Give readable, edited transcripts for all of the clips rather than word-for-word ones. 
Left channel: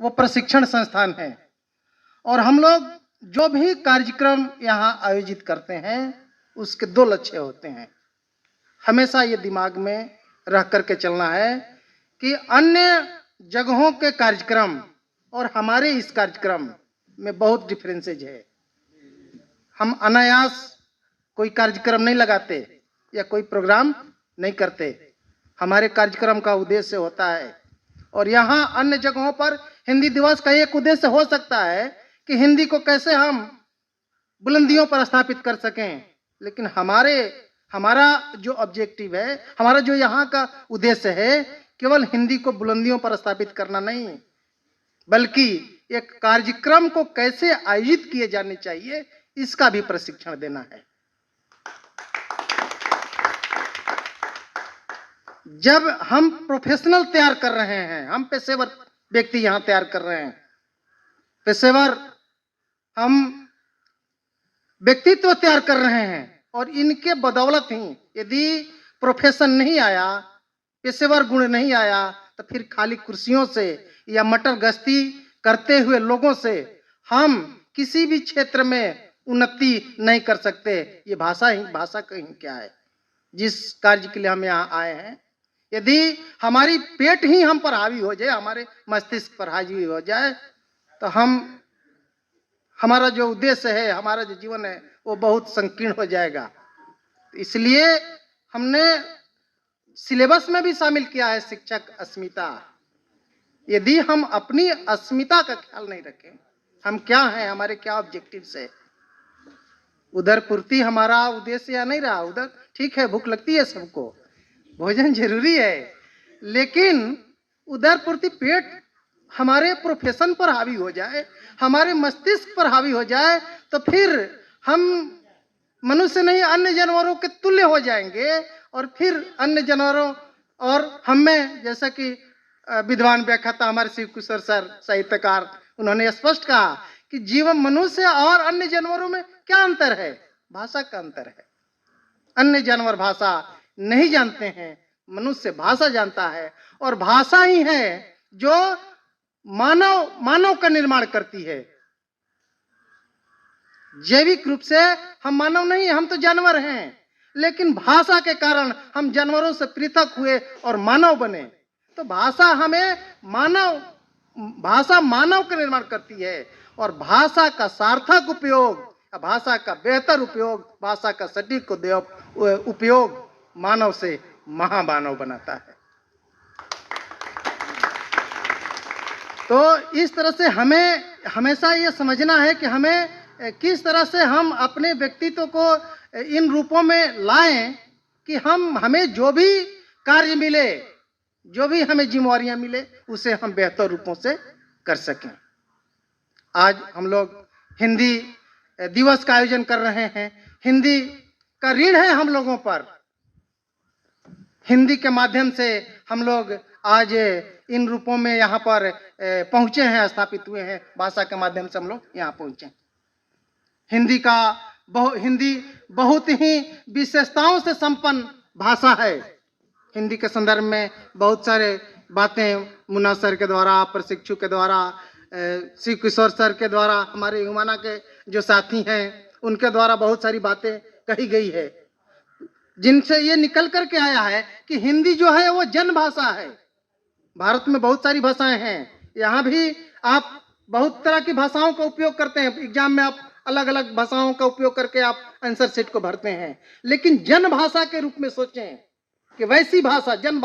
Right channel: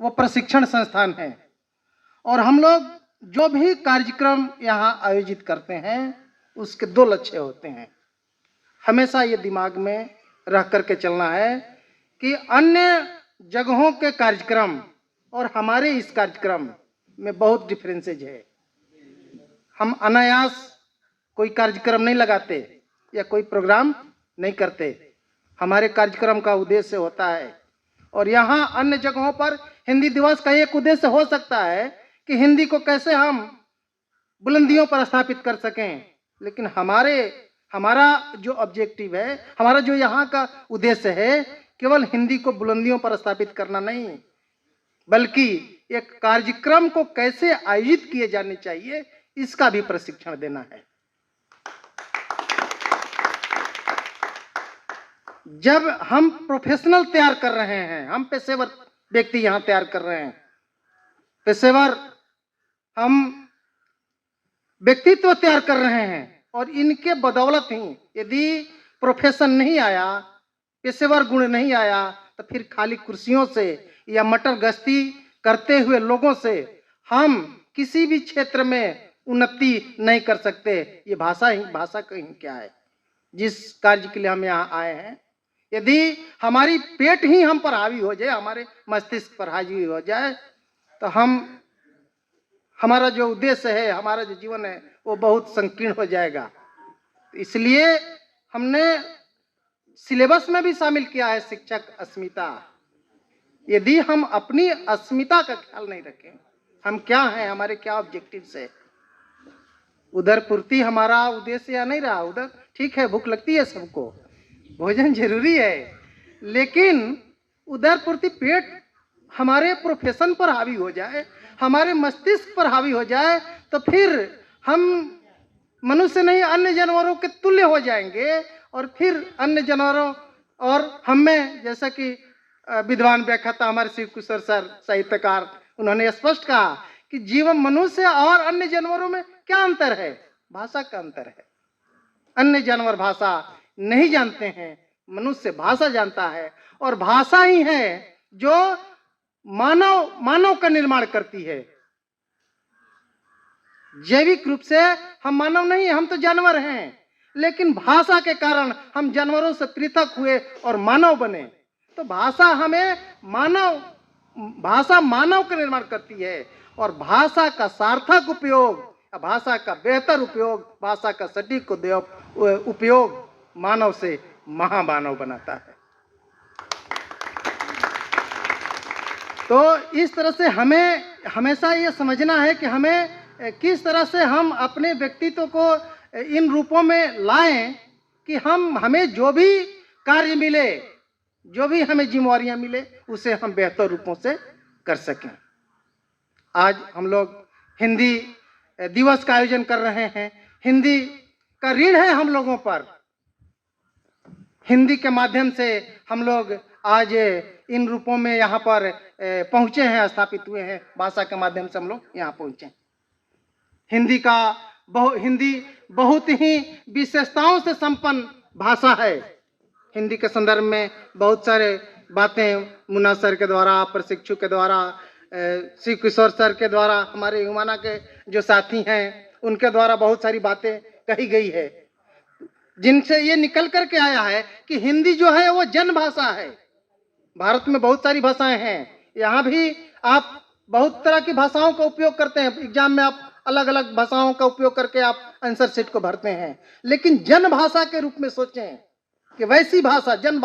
वो प्रशिक्षण संस्थान है। और हम लोग जो भी कार्यक्रम यहाँ आयोजित करते हैं उसके दो लक्ष्य होते हैं। हमेशा ये दिमाग में रह करके चलना है कि अन्य जगहों के कार्यक्रम और हमारे इस कार्यक्रम में बहुत डिफरेंसेज है। हम अनायास कोई कार्यक्रम नहीं लगाते या कोई प्रोग्राम नहीं करते। हमारे कार्यक्रम का उद्देश्य होता है, और यहाँ अन्य जगहों पर हिंदी दिवस का एक उद्देश्य हो सकता है कि हिंदी को कैसे हम बुलंदियों पर स्थापित कर सकें, लेकिन हमारा जो ऑब्जेक्टिव है, हमारा जो यहाँ का उद्देश्य है, केवल हिंदी को बुलंदियों पर स्थापित करना नहीं, बल्कि एक कार्यक्रम को कैसे आयोजित किए जाने चाहिए इसका भी प्रशिक्षण देना है। जब हम प्रोफेशनल तैयार कर रहे हैं, हम पेशेवर व्यक्ति यहाँ तैयार कर रहे हैं, पेशेवर हम व्यक्तित्व तैयार कर रहे हैं, और इनके बदौलत ही यदि प्रोफेशन नहीं आया, पेशेवर गुण नहीं आया, तो फिर खाली कुर्सियों से या मटर गश्ती करते हुए लोगों से हम किसी भी क्षेत्र में उन्नति नहीं कर सकते। ये भाषा कहीं क्या है। जिस कार्य के लिए हम यहाँ आए हैं, यदि हमारी पेट ही हम पर हावी हो जाए, हमारे मस्तिष्क पर हावी हो जाए, तो हमारा जो उद्देश्य है, हमारा जो जीवन है, वो बहुत संकीर्ण हो जाएगा। इसलिए हमने सिलेबस में भी शामिल किया है शिक्षक अस्मिता। यदि हम अपनी अस्मिता का ख्याल नहीं रखें, हम क्या हैं, हमारे क्या ऑब्जेक्टिव्स है, उधर पूर्ति हमारा उद्देश्य या नहीं रहा, उधर ठीक है, भूख लगती है सबको, भोजन जरूरी है, लेकिन उधर पूर्ति पेट हमारे प्रोफेशन पर हावी हो जाए, हमारे मस्तिष्क पर हावी हो जाए, तो फिर हम मनुष्य नहीं अन्य जानवरों के तुल्य हो जाएंगे। और फिर अन्य जानवरों और हम में, जैसा कि विद्वान व्याख्याता हमारे शिव किशोर सर साहित्यकार, उन्होंने स्पष्ट कहा कि जीवन मनुष्य और अन्य जानवरों में क्या अंतर है, भाषा का अंतर है। अन्य जानवर भाषा नहीं जानते हैं, मनुष्य भाषा जानता है, और भाषा ही है जो मानव का निर्माण करती है। जैविक रूप से हम मानव नहीं, हम तो जानवर हैं, लेकिन भाषा के कारण हम जानवरों से पृथक हुए और मानव बने। तो भाषा मानव का निर्माण करती है, और भाषा का सार्थक उपयोग, भाषा का बेहतर उपयोग, भाषा का सटीक उपयोग मानव से महामानव बनाता है। तो इस तरह से हमें हमेशा ये समझना है कि हमें किस तरह से हम अपने व्यक्तित्व को इन रूपों में लाएं कि हमें जो भी कार्य मिले, जो भी हमें जिम्मेवारियां मिले, उसे हम बेहतर रूपों से कर सकें। आज हम लोग हिंदी दिवस का आयोजन कर रहे हैं। हिंदी का ऋण है हम लोगों पर। हिंदी के माध्यम से हम लोग आज इन रूपों में यहाँ पर पहुँचे हैं, स्थापित हुए हैं। भाषा के माध्यम से हम लोग यहाँ पहुँचे। हिंदी बहुत ही विशेषताओं से संपन्न भाषा है। हिंदी के संदर्भ में बहुत सारे बातें मुन्ना सर के द्वारा, प्रशिक्षु के द्वारा, शिव किशोर सर के द्वारा, हमारे युवाना के जो साथी हैं उनके द्वारा बहुत सारी बातें कही गई है, जिनसे ये निकल करके आया है कि हिंदी जो है वो जन भाषा है। भारत में बहुत सारी भाषाएं हैं, यहाँ भी आप बहुत तरह की भाषाओं का उपयोग करते हैं। एग्जाम में आप अलग अलग भाषाओं का उपयोग करके आप आंसर शीट को भरते हैं, लेकिन जन भाषा के रूप में सोचें कि वैसी भाषा, जन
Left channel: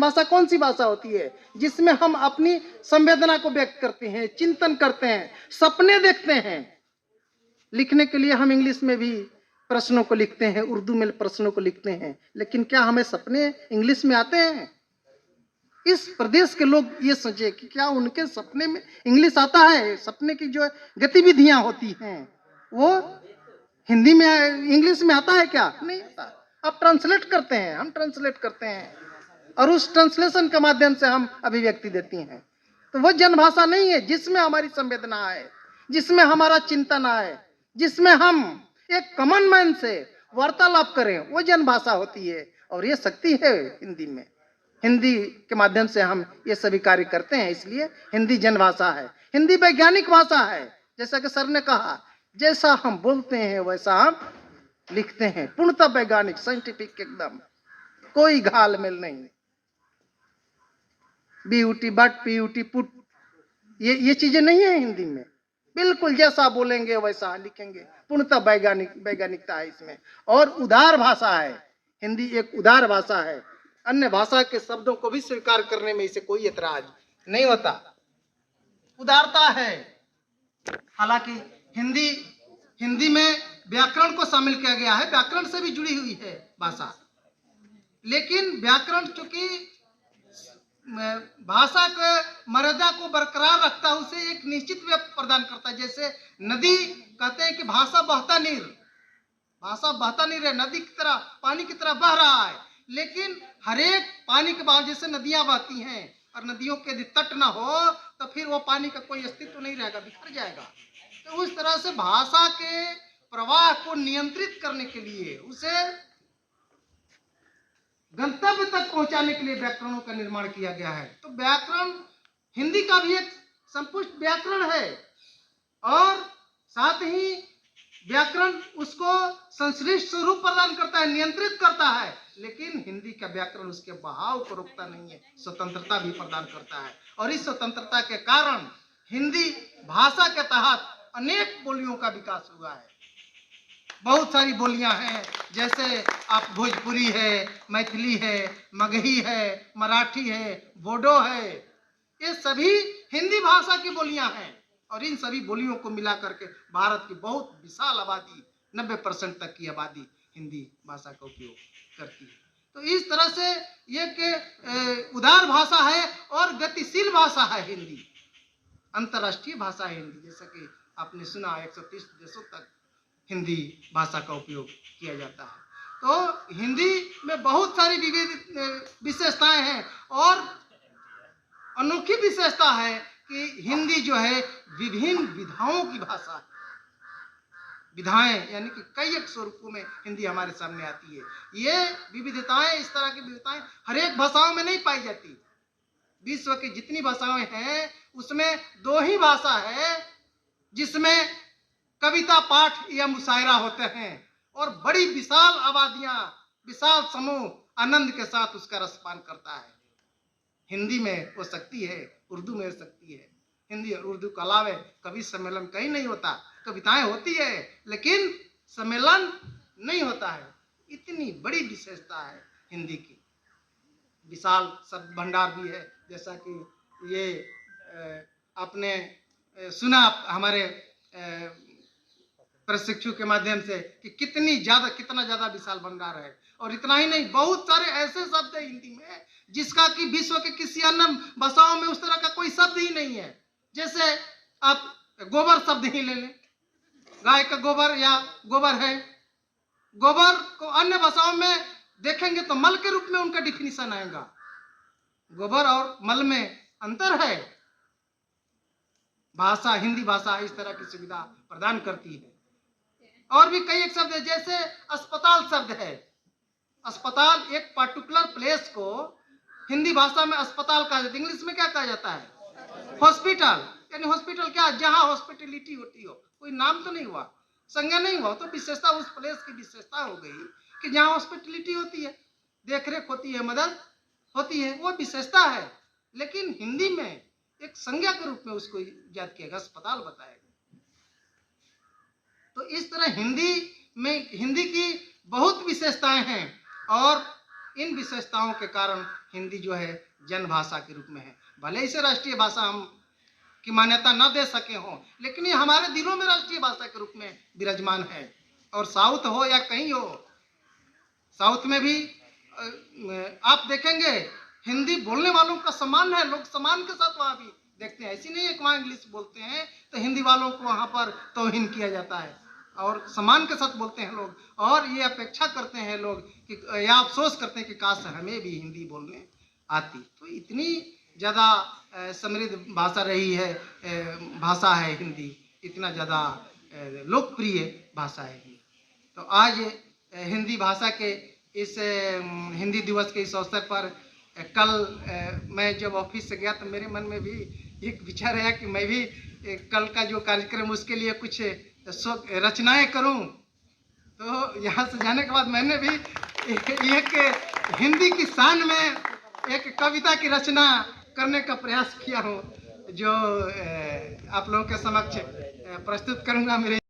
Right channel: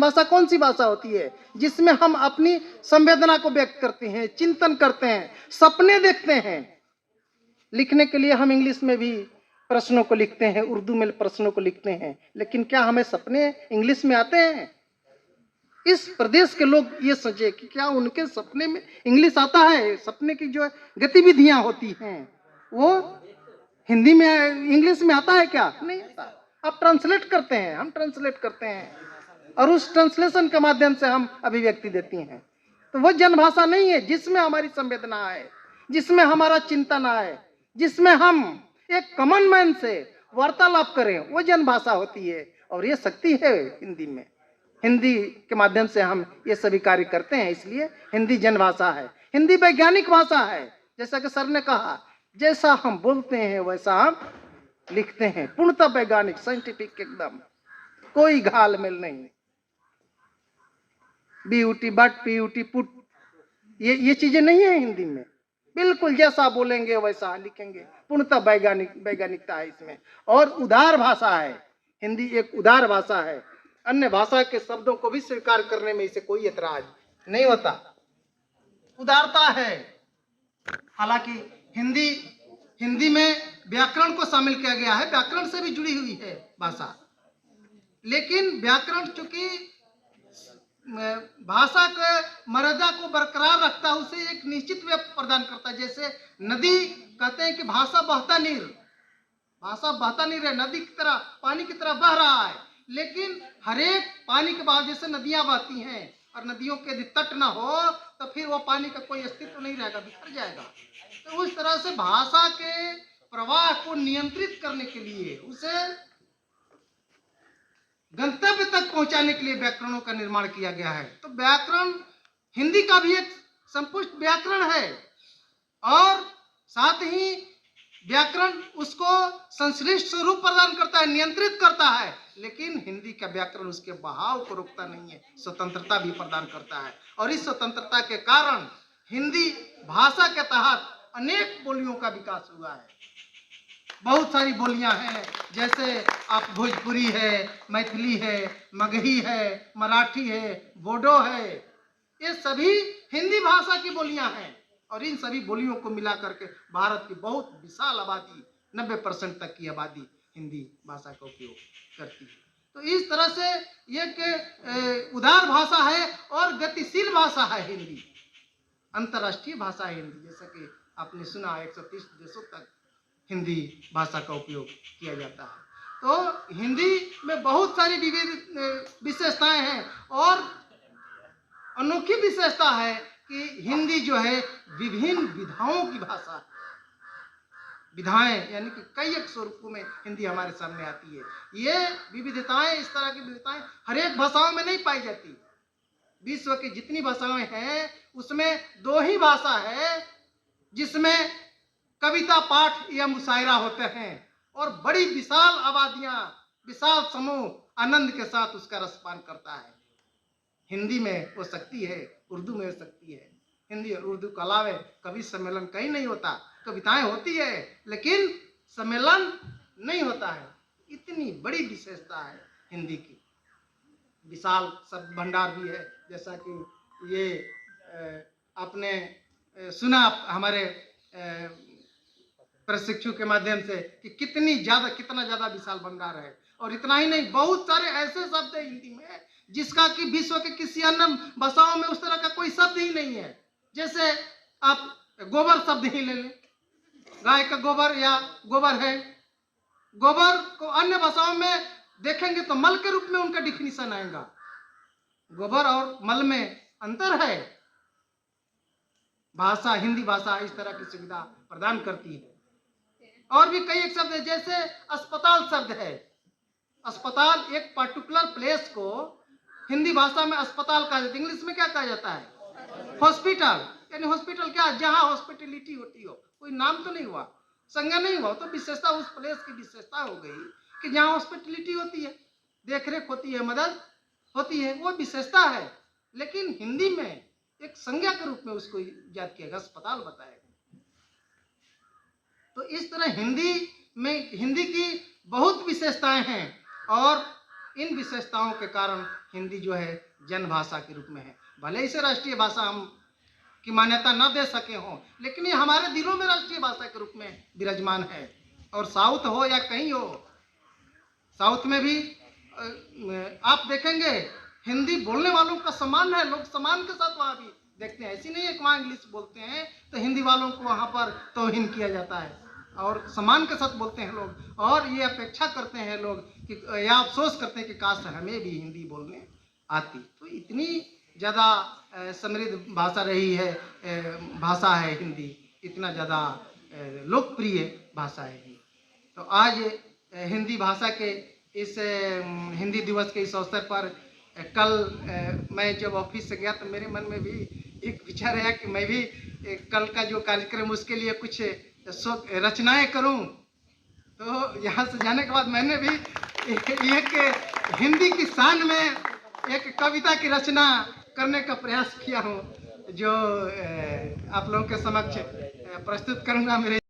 भाषा कौन सी भाषा होती है जिसमें हम अपनी संवेदना को व्यक्त करते हैं, चिंतन करते हैं, सपने देखते हैं। लिखने के लिए हम इंग्लिश में भी प्रश्नों को लिखते हैं, उर्दू में प्रश्नों को लिखते हैं, लेकिन क्या हमें सपने इंग्लिश में आते हैं? इस प्रदेश के लोग ये सोचे कि क्या उनके सपने में इंग्लिश आता है? सपने की जो गतिविधियां होती हैं वो हिंदी में, इंग्लिश में आता है क्या? नहीं आता। आप ट्रांसलेट करते हैं, हम ट्रांसलेट करते हैं, और उस ट्रांसलेशन के माध्यम से हम अभिव्यक्ति देती हैं। तो वो जनभाषा नहीं है जिसमें हमारी संवेदना है, जिसमें हमारा चिंतन है, जिसमें हम एक कॉमन मैन से वार्तालाप करें, वो जनभाषा होती है। और ये शक्ति है हिंदी में। हिंदी के माध्यम से हम ये सभी कार्य करते हैं, इसलिए हिंदी जन भाषा है, हिंदी वैज्ञानिक भाषा है। जैसा कि सर ने कहा, जैसा हम बोलते हैं वैसा हम लिखते हैं, पूर्णतः वैज्ञानिक, साइंटिफिक, एकदम कोई घालमेल नहीं। बीयूटी बट, पीयूटी पुट, ये चीजें नहीं है हिंदी में। बिल्कुल जैसा बोलेंगे वैसा लिखेंगे, पूर्णतः वैज्ञानिकता है इसमें। और उदार भाषा है हिंदी, एक उदार भाषा है। अन्य भाषा के शब्दों को भी स्वीकार करने में इसे कोई एतराज नहीं होता, उदारता है। हालांकि हिंदी में व्याकरण को शामिल किया गया है, व्याकरण से भी जुड़ी हुई है भाषा, लेकिन व्याकरण चूंकि भाषा के मर्यादा को बरकरार रखता है, उसे एक निश्चित वे प्रदान करता है। जैसे नदी, कहते हैं कि भाषा बहता नीर, भाषा बहता नीर है, नदी की तरह, पानी की तरह बह रहा है, लेकिन हरेक पानी के बाद जैसे नदियां बहती हैं, और नदियों के यदि तट न हो तो फिर वो पानी का कोई अस्तित्व नहीं रहेगा, बिखर जाएगा। तो उस तरह से भाषा के प्रवाह को नियंत्रित करने के लिए, उसे गंतव्य तक पहुंचाने के लिए व्याकरणों का निर्माण किया गया है। तो व्याकरण हिंदी का भी एक संपुष्ट व्याकरण है, और साथ ही व्याकरण उसको संश्लिष्ट स्वरूप प्रदान करता है, नियंत्रित करता है, लेकिन हिंदी का व्याकरण उसके बहाव को रोकता नहीं है, स्वतंत्रता भी प्रदान करता है। और इस स्वतंत्रता के कारण हिंदी भाषा के तहत अनेक बोलियों का विकास हुआ है। बहुत सारी बोलियां हैं, जैसे आप भोजपुरी है, मैथिली है, मगही है, मराठी है, बोडो है, ये सभी हिंदी भाषा की बोलियां हैं। और इन सभी बोलियों को मिला करके भारत की बहुत विशाल आबादी, 90% तक की आबादी हिंदी भाषा का उपयोग करती है। तो इस तरह से ये उदार भाषा है और गतिशील भाषा है हिंदी, अंतर्राष्ट्रीय भाषा है हिंदी। जैसा कि आपने सुना, 130 देशों तक हिंदी भाषा का उपयोग किया जाता है। तो हिंदी में बहुत सारी विविध विशेषताएं हैं, और अनोखी विशेषता है कि हिंदी जो है विभिन्न विधाओं की भाषा है। विधाएं यानी कि कई एक स्वरूपों में हिंदी हमारे सामने आती है। ये विविधताएं, इस तरह की विविधताएं हर एक भाषाओं में नहीं पाई जाती। विश्व की जितनी भाषाएं हैं उसमें 2 ही भाषा है जिसमें कविता, पाठ या मुशायरा होते हैं, और बड़ी विशाल आबादियां, विशाल समूह आनंद के साथ उसका रसपान करता है। हिंदी में हो सकती है, उर्दू में हो सकती है। हिंदी और उर्दू के अलावा कभी सम्मेलन कहीं नहीं होता। कविताएं होती है लेकिन सम्मेलन नहीं होता है। इतनी बड़ी विशेषता है हिंदी की। विशाल शब्द भंडार भी है, जैसा कि ये आपने सुना हमारे प्रशिक्षु के माध्यम से कि कितना ज्यादा विशाल भंडार है। और इतना ही नहीं, बहुत सारे ऐसे शब्द है हिंदी में जिसका कि विश्व के किसी अन्य भाषाओं में उस तरह का कोई शब्द ही नहीं है। जैसे आप गोबर शब्द ही ले लें, गाय का गोबर या गोबर है, गोबर को अन्य भाषाओं में देखेंगे तो मल के रूप में उनका डिफिनीशन आएगा। गोबर और मल में अंतर है। भाषा, हिंदी भाषा इस तरह की सुविधा प्रदान करती है। और भी कई एक शब्द है, जैसे अस्पताल शब्द है। अस्पताल एक पर्टिकुलर प्लेस को हिंदी भाषा में अस्पताल कहा जाता है, इंग्लिश में क्या कहा जाता है? हॉस्पिटल। यानी हॉस्पिटल क्या, जहां हॉस्पिटलिटी होती हो, कोई नाम तो नहीं हुआ, संज्ञा नहीं हुआ, तो विशेषता उस प्लेस की विशेषता हो गई कि जहां हॉस्पिटलिटी होती है, देखरेख होती है, मदद होती है, वो विशेषता है। लेकिन हिंदी में एक संज्ञा के रूप में उसको याद किया गया, अस्पताल बताया गया। तो इस तरह हिंदी की बहुत विशेषताएं हैं, और इन विशेषताओं के कारण हिंदी जो है जन भाषा के रूप में है। भले इसे राष्ट्रीय भाषा हम की मान्यता न दे सके हों, लेकिन ये हमारे दिलों में राष्ट्रीय भाषा के रूप में विराजमान है। और साउथ हो या कहीं हो, साउथ में भी आप देखेंगे हिंदी बोलने वालों का सम्मान है, लोग सम्मान के साथ वहां भी देखते हैं। ऐसी नहीं है कि वहां इंग्लिश बोलते हैं तो हिंदी वालों को वहां पर तौहीन किया जाता है, और सम्मान के साथ बोलते हैं लोग। और ये अपेक्षा करते हैं लोग कि, या अफसोस करते हैं कि काश हमें भी हिंदी बोलने आती। तो इतनी ज़्यादा समृद्ध भाषा रही है, भाषा है हिंदी, इतना ज़्यादा लोकप्रिय भाषा है हिंदी। तो आज हिंदी भाषा के इस हिंदी दिवस के इस अवसर पर कल मैं जब ऑफिस से गया तो मेरे मन में भी एक विचार आया कि मैं भी कल का जो कार्यक्रम उसके लिए कुछ रचनाएं करूं। तो यहाँ से जाने के बाद मैंने भी एक हिंदी की शान में एक कविता की रचना करने का प्रयास किया हूँ, जो आप लोगों के समक्ष प्रस्तुत करूंगा। मेरे